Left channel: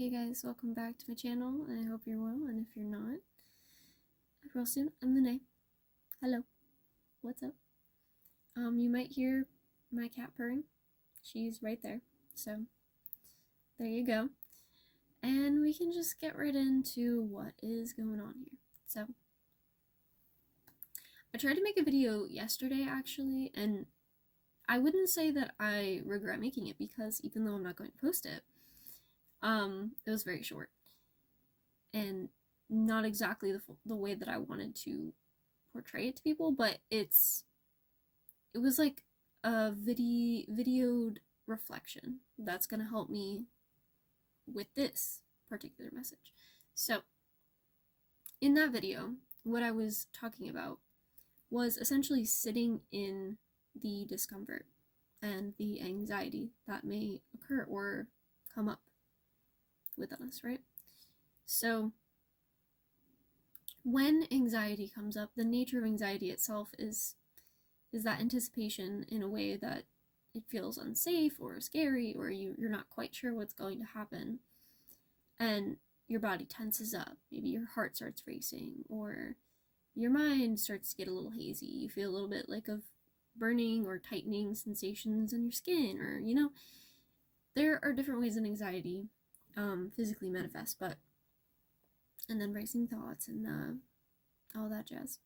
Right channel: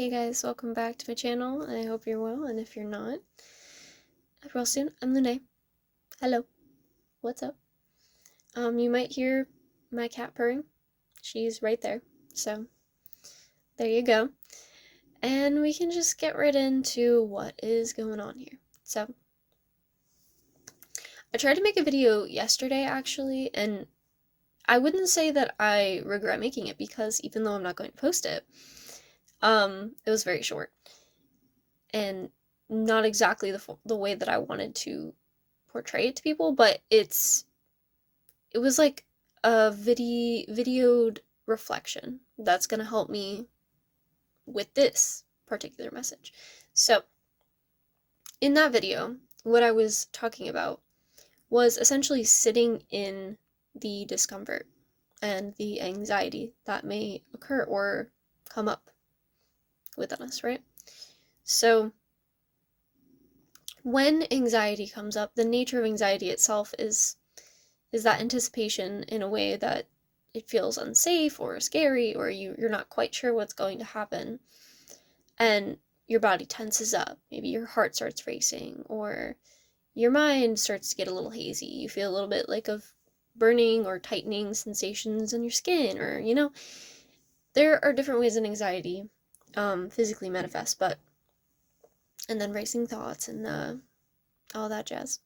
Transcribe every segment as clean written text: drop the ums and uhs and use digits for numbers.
Hey guys, welcome back to my channel, and I hope you're well, and if you're not, real soon, I'm Lune. Hello. What's up? You might hear my cat purring. She's right there, so there you go. And we can just get right into what is going on here. So, I tried to make a video yesterday, actually, and I wouldn't say that I regret making it, because even though I'm not going to post it, it was very short. And not exactly the way that I wanted to portray it to people, but it was like a videoed reflection that's gonna help me with this particular message. So in that video, what I was talking about was essentially sitting in the discomfort and the anxiety that may occur or come up within us, right? So when anxiety comes up, the nature of anxiety itself is that anticipation in a way that it feels unsafe or scary, or you're not quite sure what's going to happen, and your body tenses up. Maybe your heart starts racing, or your mind starts to get a little hazy. You feel a little bit like of burning or tightening sensations in your skin, or there are different ways that anxiety physically manifests, and then racing thoughts and all that jazz.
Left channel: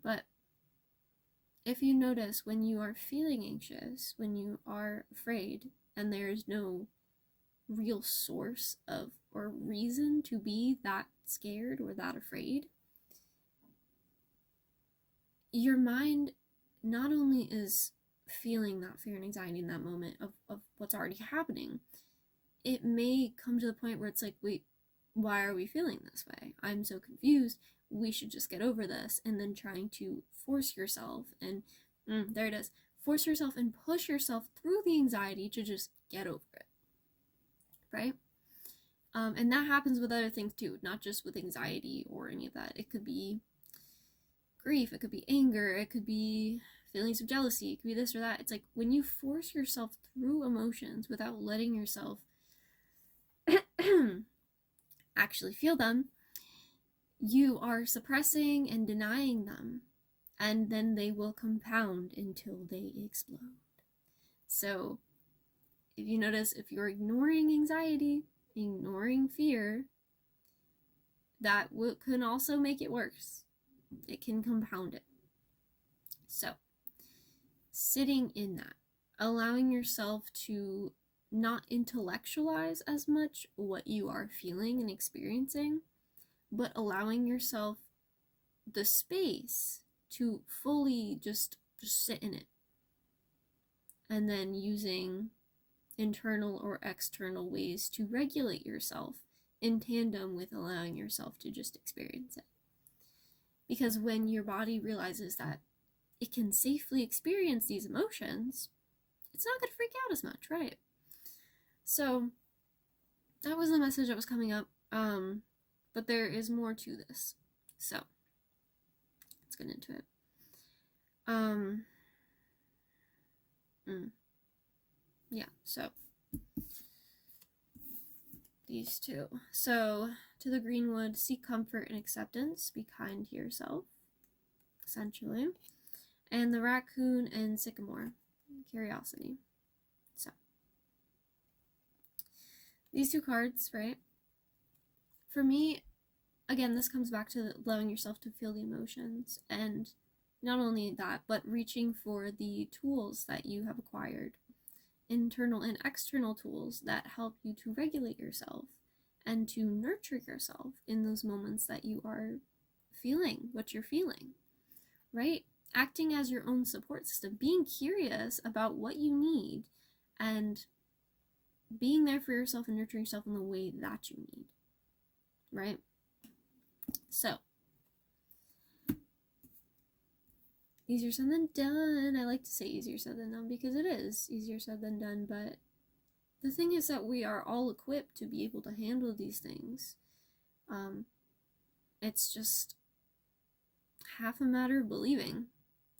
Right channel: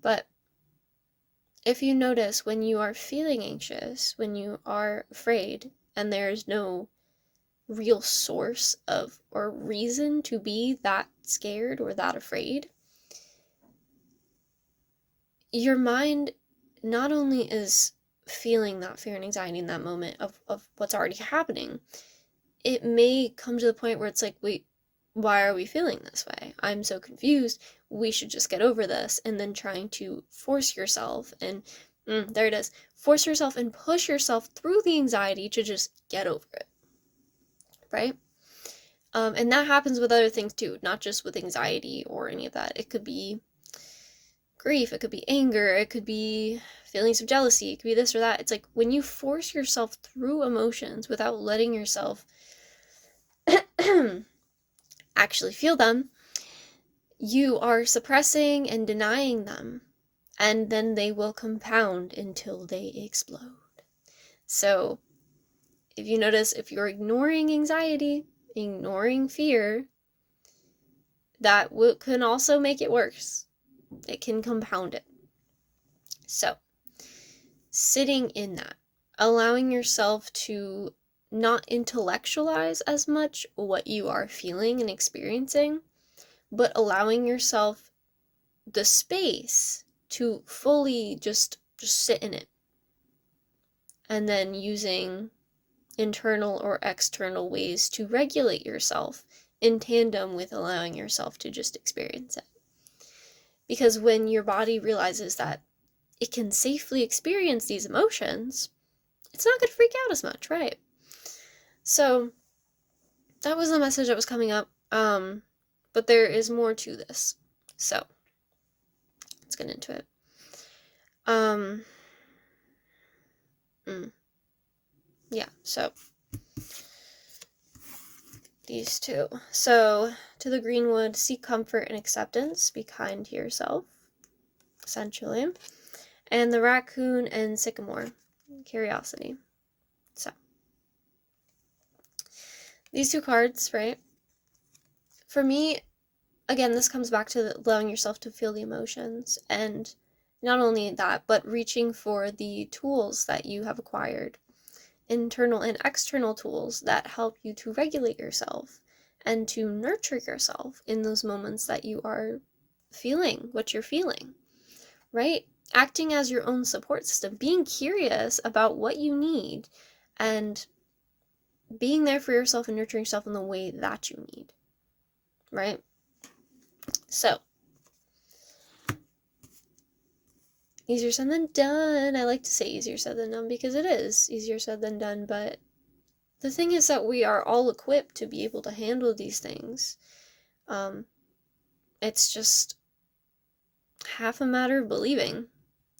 But if you notice, when you are feeling anxious, when you are afraid, and there's no real source of or reason to be that scared or that afraid, your mind not only is feeling that fear and anxiety in that moment of what's already happening, it may come to the point where it's like, wait, why are we feeling this way? I'm so confused. We should just get over this. And then trying to force yourself and there it is. Force yourself and push yourself through the anxiety to just get over it. Right? And that happens with other things too, not just with anxiety or any of that. It could be grief, it could be anger, it could be feelings of jealousy, it could be this or that. It's like when you force yourself through emotions without letting yourself actually feel them, you are suppressing and denying them, and then they will compound until they explode. So if you notice, if you're ignoring anxiety, ignoring fear, that can also make it worse. It can compound it. So sitting in that, allowing yourself to not intellectualize as much what you are feeling and experiencing, but allowing yourself the space to fully just sit in it, and then using internal or external ways to regulate yourself in tandem with allowing yourself to just experience it. Because when your body realizes that it can safely experience these emotions, it's not going to freak out as much, right? So that was the message that was coming up, but there is more to this, so let's get into it. Yeah, so these two. So to the greenwood, seek comfort and acceptance, be kind to yourself, essentially. And the raccoon and sycamore, curiosity. So these two cards, right? For me, again, this comes back to allowing yourself to feel the emotions, and not only that, but reaching for the tools that you have acquired, internal and external tools that help you to regulate yourself and to nurture yourself in those moments that you are feeling what you're feeling, right? Acting as your own support system, being curious about what you need, and being there for yourself and nurturing yourself in the way that you need, right? So, easier said than done. I like to say easier said than done because it is easier said than done, but the thing is that we are all equipped to be able to handle these things. It's just half a matter of believing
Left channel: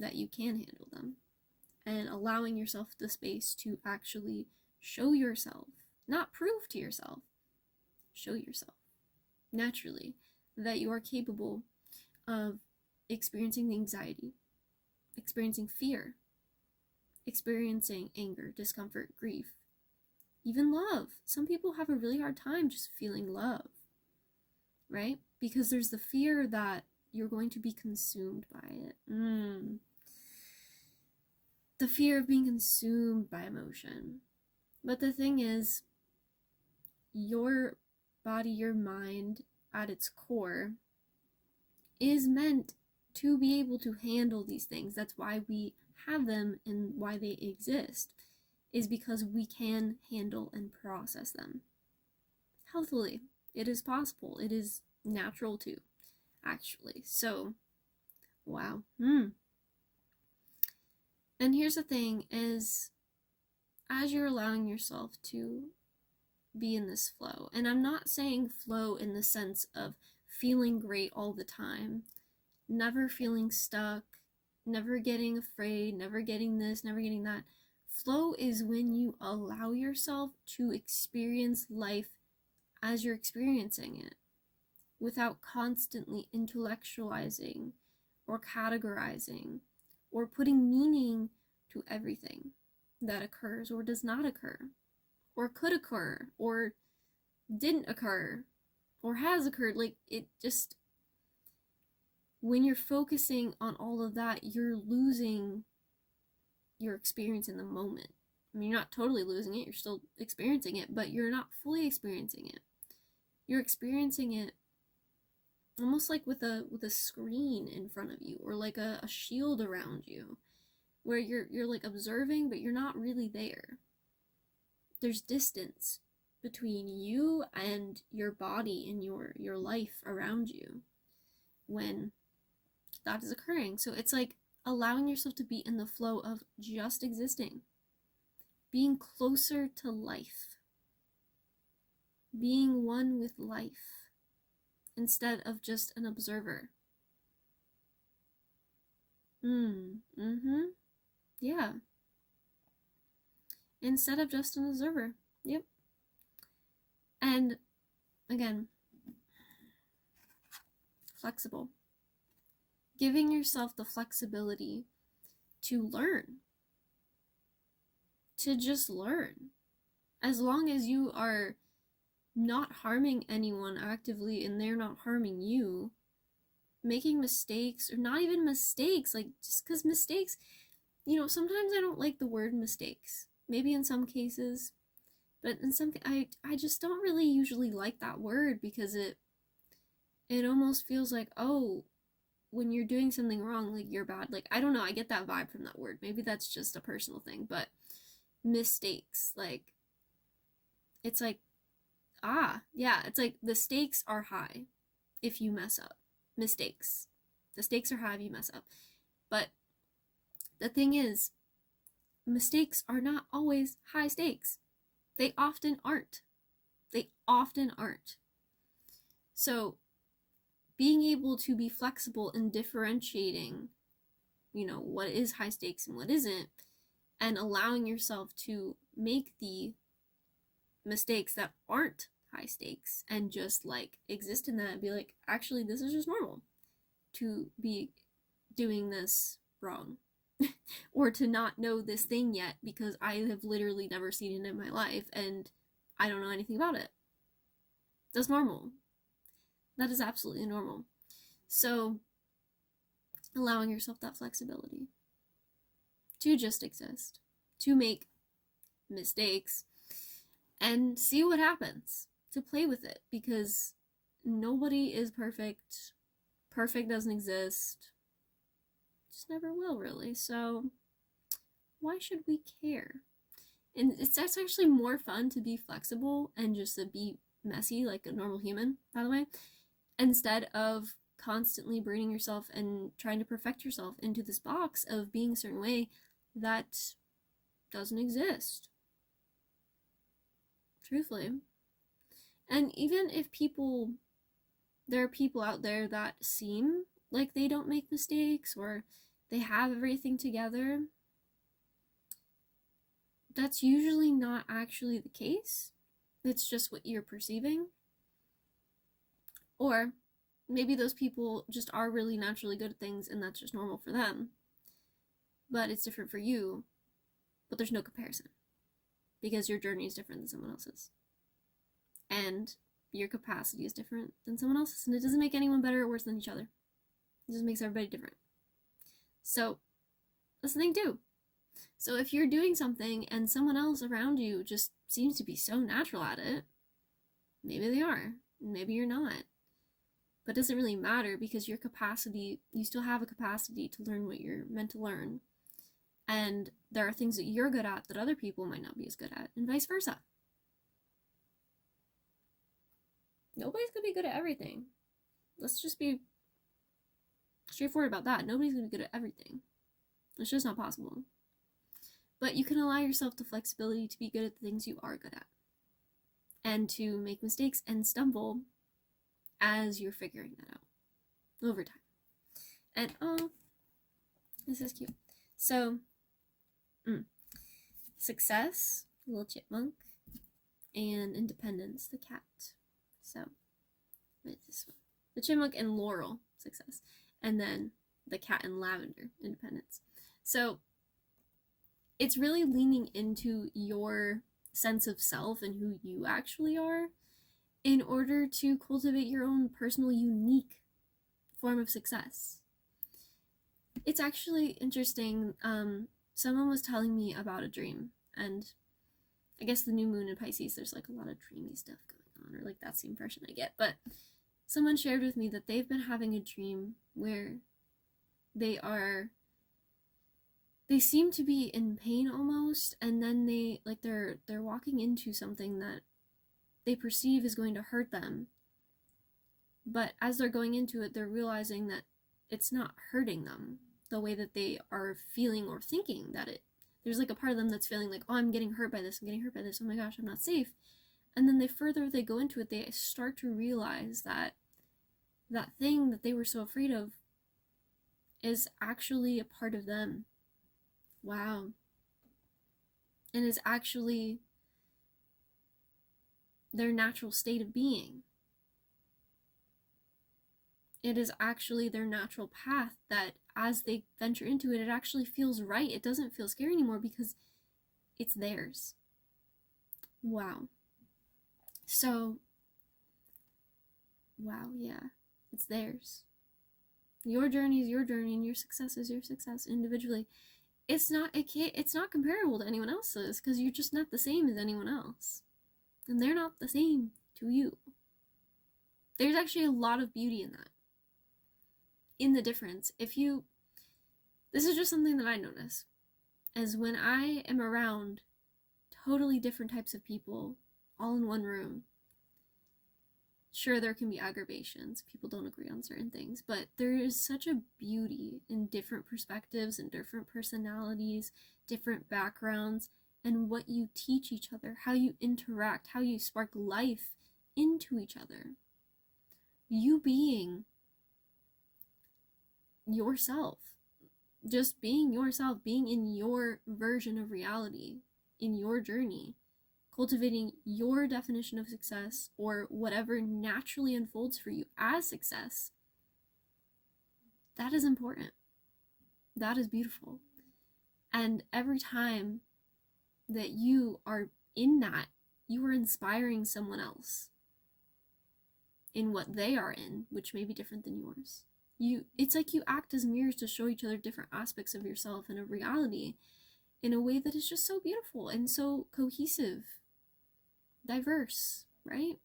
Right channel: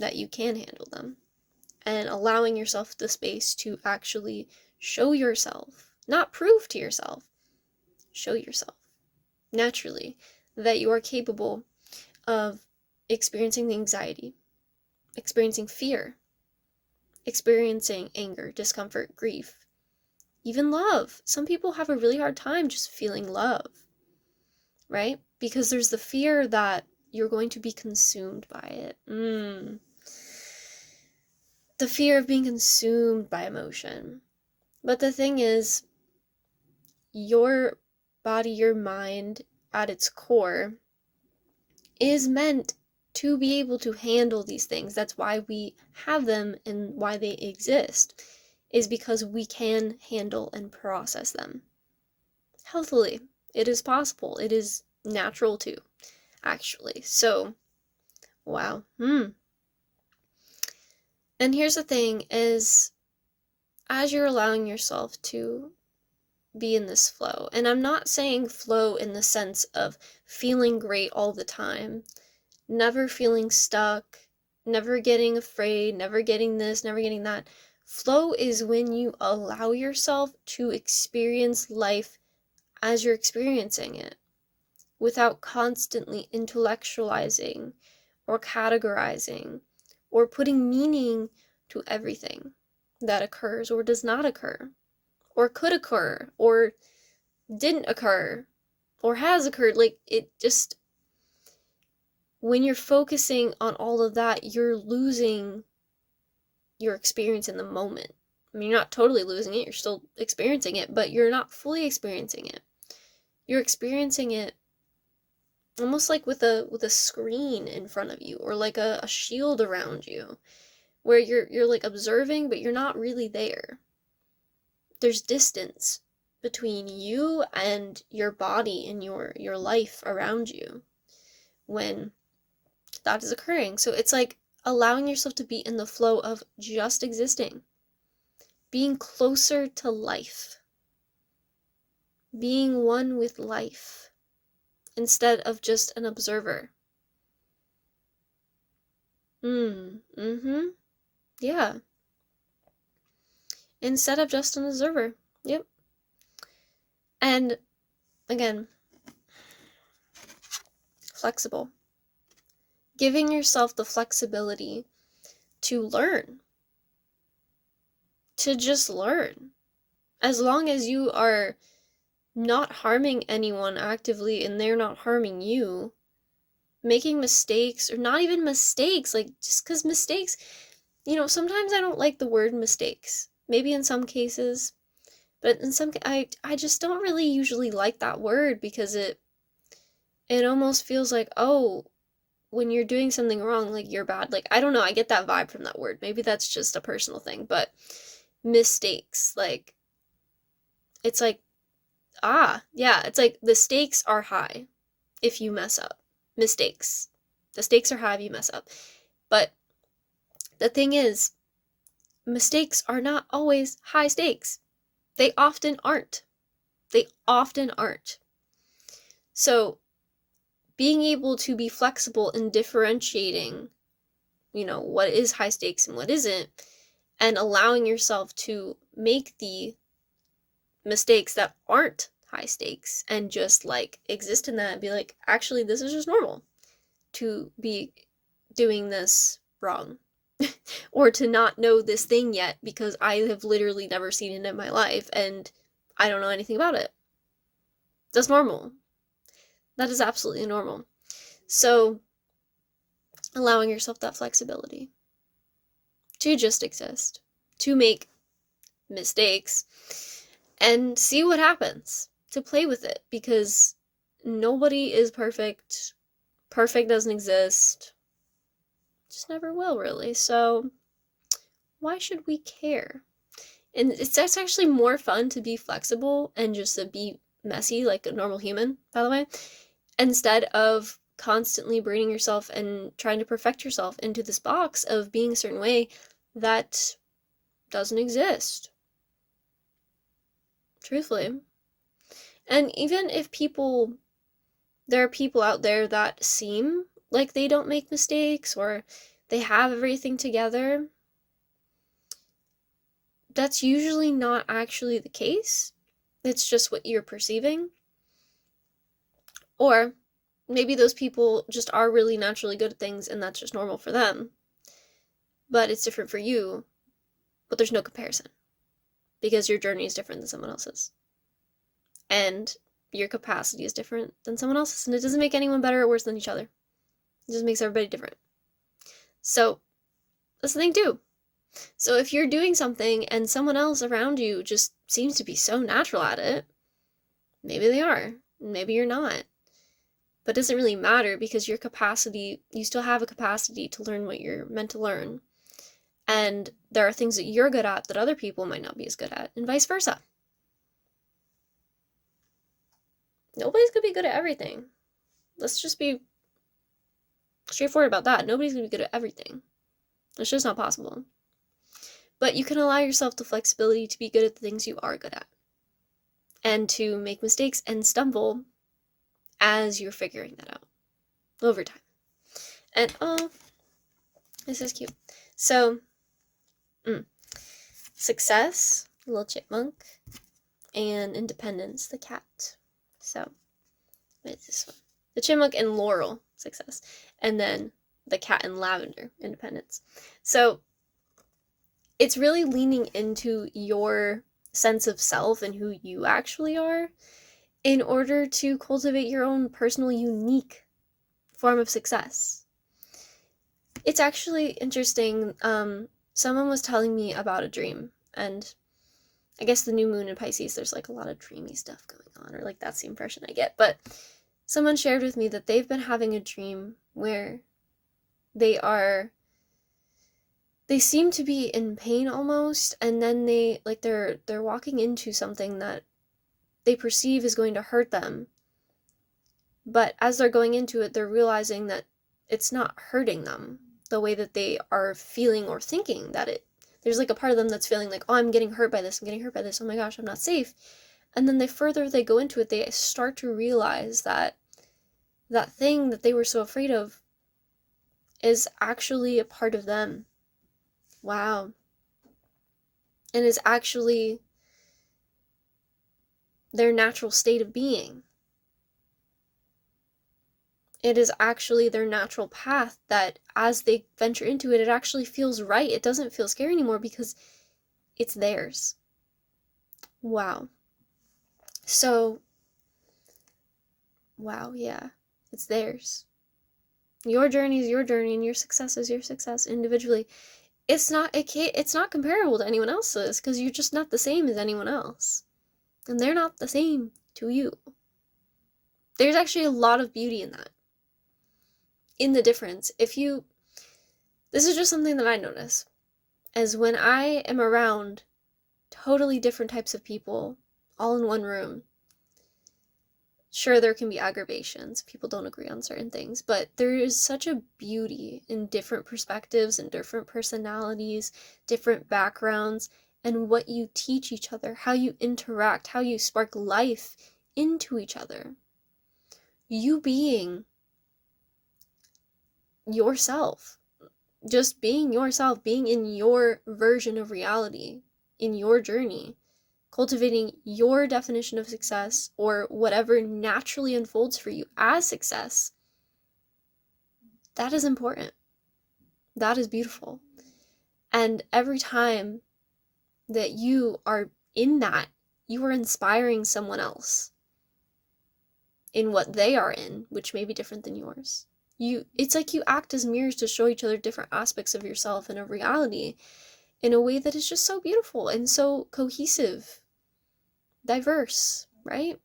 that you can handle them and allowing yourself the space to actually show yourself, not prove to yourself, show yourself naturally that you are capable of experiencing the anxiety, experiencing fear, experiencing anger, discomfort, grief, even love. Some people have a really hard time just feeling love, right? Because there's the fear that you're going to be consumed by it. The fear of being consumed by emotion. But the thing is, your body, your mind, at its core, is meant to be able to handle these things. That's why we have them and why they exist, is because we can handle and process them healthily. It is possible. It is natural too, actually. So, wow. And here's the thing is, as you're allowing yourself to be in this flow, and I'm not saying flow in the sense of feeling great all the time, never feeling stuck, never getting afraid, never getting this, never getting that. Flow is when you allow yourself to experience life as you're experiencing it, without constantly intellectualizing or categorizing or putting meaning to everything that occurs or does not occur, or could occur, or didn't occur, or has occurred. Like, it just, when you're focusing on all of that, you're losing your experience in the moment. I mean, you're not totally losing it, you're still experiencing it, but you're not fully experiencing it. You're experiencing it almost like with a screen in front of you, or like a shield around you, where you're like observing, but you're not really there. There's distance between you and your body and your life around you when that is occurring. So it's like allowing yourself to be in the flow of just existing, being closer to life, being one with life, instead of just an observer. Yeah. Instead of just an observer. Yep. And again, flexible. Giving yourself the flexibility to learn. To just learn. As long as you are not harming anyone actively and they're not harming you, making mistakes, or not even mistakes, like, just because mistakes, sometimes I don't like the word mistakes. Maybe in some cases, but in some, I just don't really usually like that word, because it almost feels like, oh, when you're doing something wrong, like, you're bad. Like, I don't know, I get that vibe from that word. Maybe that's just a personal thing, but mistakes, like, it's like, yeah, it's like the stakes are high if you mess up. Mistakes. The stakes are high if you mess up. But the thing is, mistakes are not always high stakes. They often aren't. They often aren't. So, being able to be flexible in differentiating, what is high stakes and what isn't, and allowing yourself to make the mistakes that aren't high stakes and just, like, exist in that and be like, actually, this is just normal to be doing this wrong. Or to not know this thing yet, because I have literally never seen it in my life and I don't know anything about it. That's normal. That is absolutely normal. So, allowing yourself that flexibility to just exist, to make mistakes, and see what happens, to play with it, because nobody is perfect. Perfect doesn't exist. Just never will, really. So, why should we care? And that's actually more fun to be flexible and just to be messy like a normal human, by the way, instead of constantly braining yourself and trying to perfect yourself into this box of being a certain way that doesn't exist. Truthfully. And even if there are people out there that seem like they don't make mistakes or they have everything together, that's usually not actually the case. It's just what you're perceiving. Or maybe those people just are really naturally good at things and that's just normal for them, but it's different for you, but there's no comparison because your journey is different than someone else's. And your capacity is different than someone else's, and it doesn't make anyone better or worse than each other. It just makes everybody different. So that's the thing too. So if you're doing something and someone else around you just seems to be so natural at it, maybe they are, maybe you're not. But it doesn't really matter because your capacity, you still have a capacity to learn what you're meant to learn. And there are things that you're good at that other people might not be as good at, and vice versa. Nobody's gonna be good at everything. Let's just be straightforward about that. Nobody's gonna be good at everything. It's just not possible. But you can allow yourself the flexibility to be good at the things you are good at. And to make mistakes and stumble as you're figuring that out over time. And oh, this is cute. So, success, little chipmunk, and independence, the cat. So, what is this one? The chipmunk and Laurel, success. And then the cat and lavender, independence. So, it's really leaning into your sense of self and who you actually are in order to cultivate your own personal, unique form of success. It's actually interesting. Someone was telling me about a dream, and I guess the new moon in Pisces, there's like a lot of dreamy stuff going on, or like that's the impression I get. But someone shared with me that they've been having a dream where they seem to be in pain almost, and then they're walking into something that they perceive is going to hurt them. But as they're going into it, they're realizing that it's not hurting them the way that they are feeling or thinking that it. There's like a part of them that's feeling like, oh, I'm getting hurt by this, oh my gosh, I'm not safe. And then the further they go into it, they start to realize that that thing that they were so afraid of is actually a part of them. Wow. And is actually their natural state of being. It is actually their natural path that as they venture into it, it actually feels right. It doesn't feel scary anymore because it's theirs. Wow. So, wow, yeah, it's theirs. Your journey is your journey and your success is your success individually. It's not comparable to anyone else's because you're just not the same as anyone else. And they're not the same to you. There's actually a lot of beauty in that. In the difference. This is just something that I notice, as when I am around totally different types of people, all in one room, sure, there can be aggravations, people don't agree on certain things, but there is such a beauty in different perspectives and different personalities, different backgrounds, and what you teach each other, how you interact, how you spark life into each other. You being yourself, just being yourself, being in your version of reality, in your journey, cultivating your definition of success or whatever naturally unfolds for you as success, that is important. That is beautiful. And every time that you are in that, you are inspiring someone else in what they are in, which may be different than yours. It's like you act as mirrors to show each other different aspects of yourself and of reality in a way that is just so beautiful and so cohesive, diverse, right?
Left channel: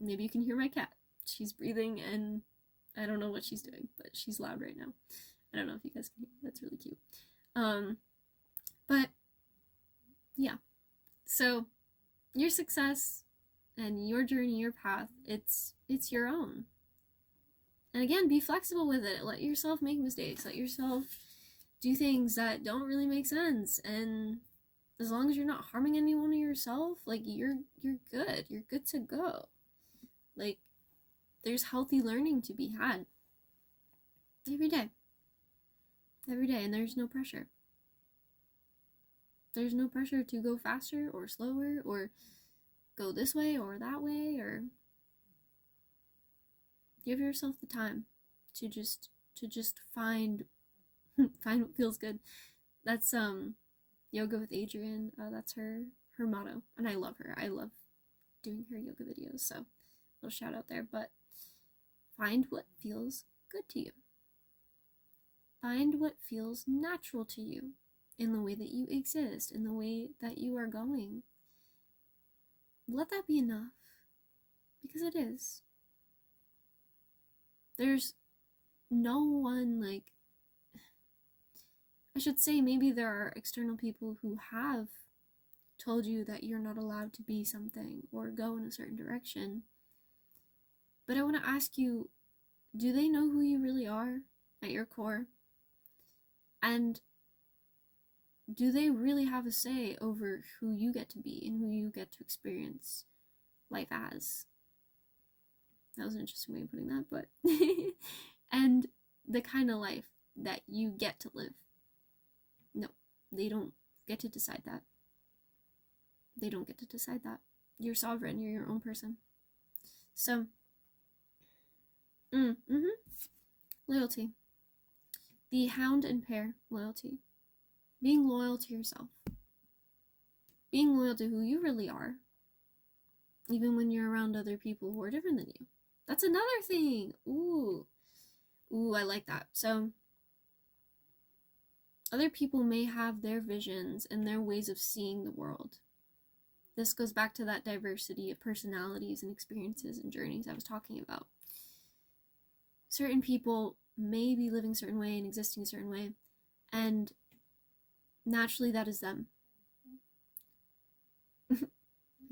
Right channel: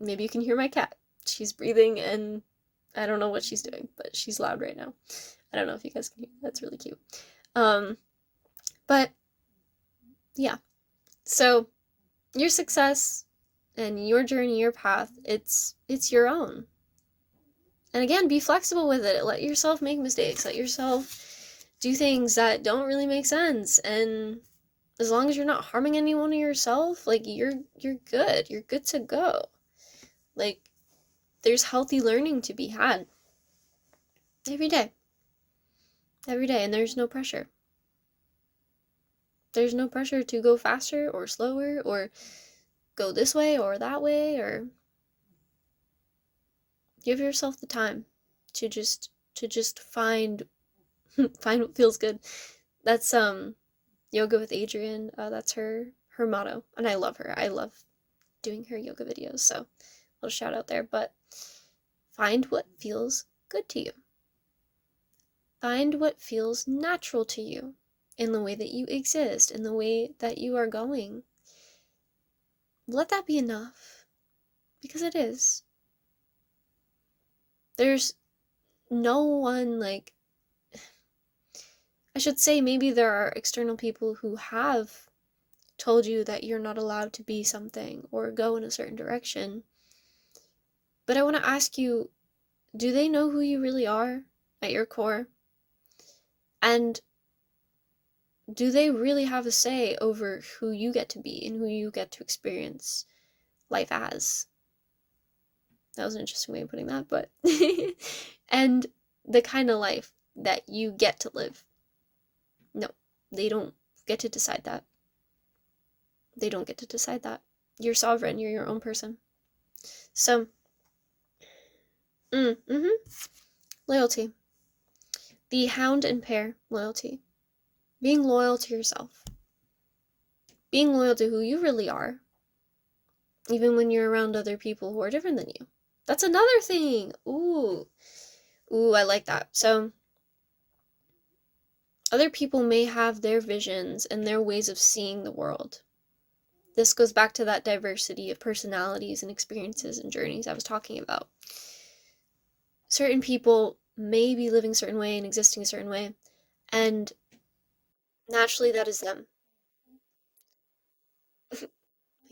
Maybe you can hear my cat. She's breathing and I don't know what she's doing, but she's loud right now. I don't know if you guys can hear. That's really cute. But yeah. So your success and your journey, your path, it's your own. And again, be flexible with it. Let yourself make mistakes. Let yourself do things that don't really make sense. And as long as you're not harming anyone or yourself, like you're good. You're good to go. Like there's healthy learning to be had every day. Every day, and there's no pressure. There's no pressure to go faster or slower or go this way or that way or Give yourself the time to just find find what feels good. That's yoga with Adrienne. That's her motto, and I love her. I love doing her yoga videos, so a little shout out there. But find what feels good to you. Find what feels natural to you in the way that you exist, in the way that you are going. Let that be enough, because it is. There's no one, like, I should say, maybe there are external people who have told you that you're not allowed to be something or go in a certain direction. But I want to ask you, do they know who you really are at your core? And do they really have a say over who you get to be and who you get to experience life as? That was an interesting way of putting that, but and the kind of life that you get to live. No, they don't get to decide that. They don't get to decide that. You're sovereign, you're your own person. So, loyalty. The hound and pair, loyalty. Being loyal to yourself. Being loyal to who you really are, even when you're around other people who are different than you. That's another thing. Ooh, I like that. So, other people may have their visions and their ways of seeing the world. This goes back to that diversity of personalities and experiences and journeys I was talking about. Certain people may be living a certain way and existing a certain way, and naturally that is them.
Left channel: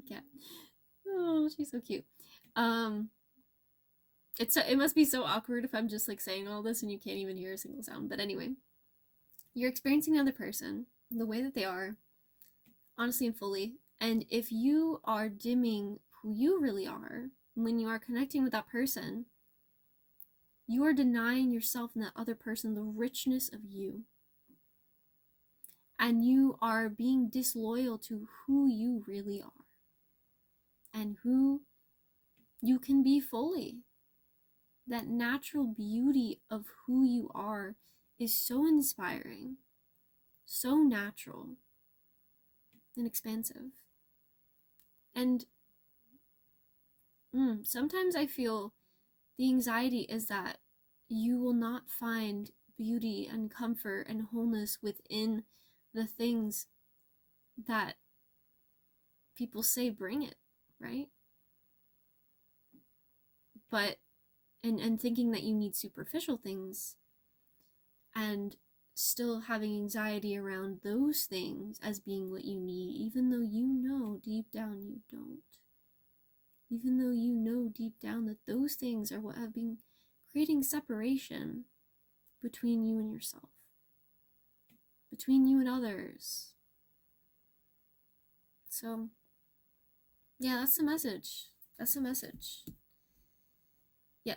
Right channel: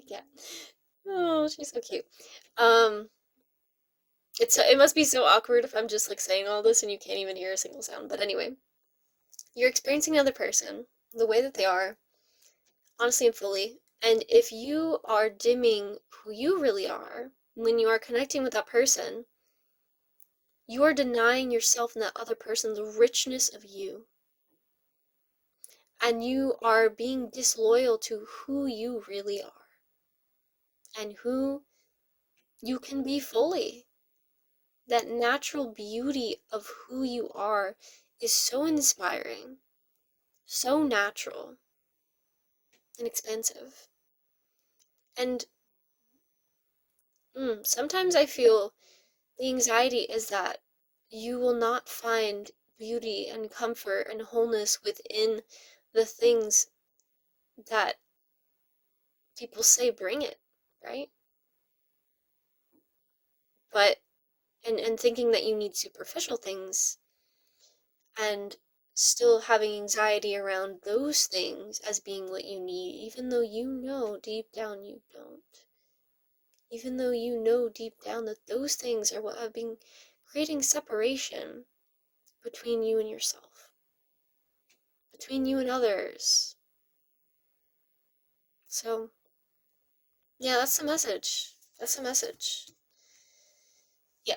Yeah. Oh, she's so cute. It must be so awkward if I'm just like saying all this and you can't even hear a single sound. But anyway, you're experiencing another person the way that they are, honestly and fully. And if you are dimming who you really are when you are connecting with that person, you are denying yourself and that other person the richness of you. And you are being disloyal to who you really are and who you can be fully. That natural beauty of who you are is so inspiring, so natural, and expansive. And sometimes I feel the anxiety is that you will not find beauty and comfort and wholeness within the things that people say bring it, right? But and thinking that you need superficial things and still having anxiety around those things as being what you need, even though you know deep down you don't. Even though you know deep down that those things are what have been creating separation between you and yourself, between you and others. So, yeah, that's the message. That's the message. Yeah.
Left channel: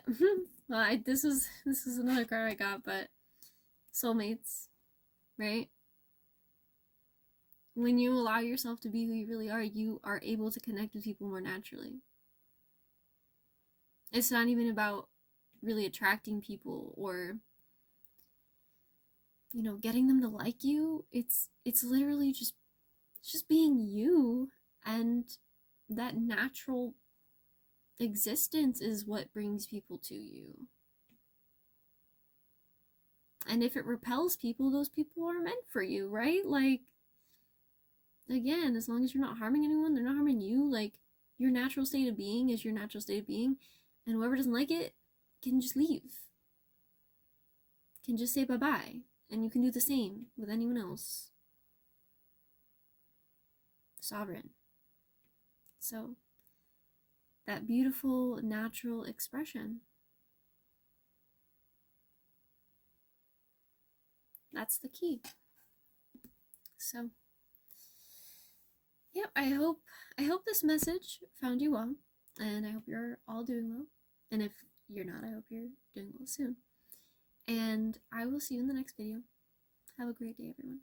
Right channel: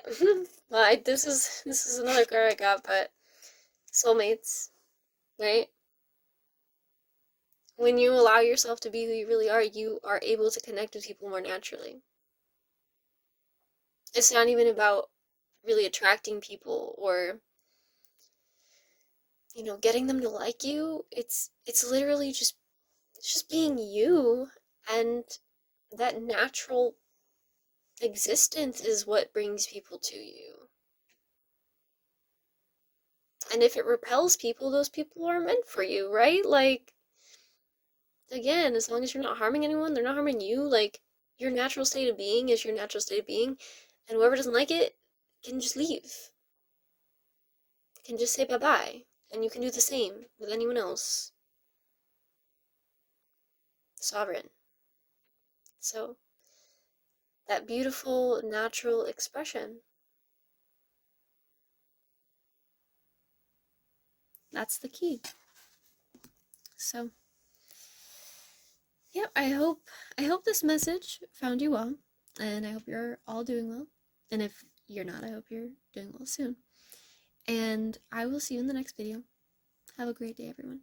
Well, this is another card I got, but soulmates, right? When you allow yourself to be who you really are, you are able to connect with people more naturally. It's not even about really attracting people or getting them to like you. It's literally just being you, and that natural existence is what brings people to you. And if it repels people, those people are meant for you, right? Like, again, as long as you're not harming anyone, they're not harming you. Like, your natural state of being is your natural state of being, and whoever doesn't like it can just leave, can just say bye-bye, and you can do the same with anyone else. Sovereign. So, that beautiful natural expression, that's the key. So, yep, I hope this message found you well, and I hope you're all doing well. And if you're not, I hope you're doing well soon. And I will see you in the next video. Have a great day, everyone.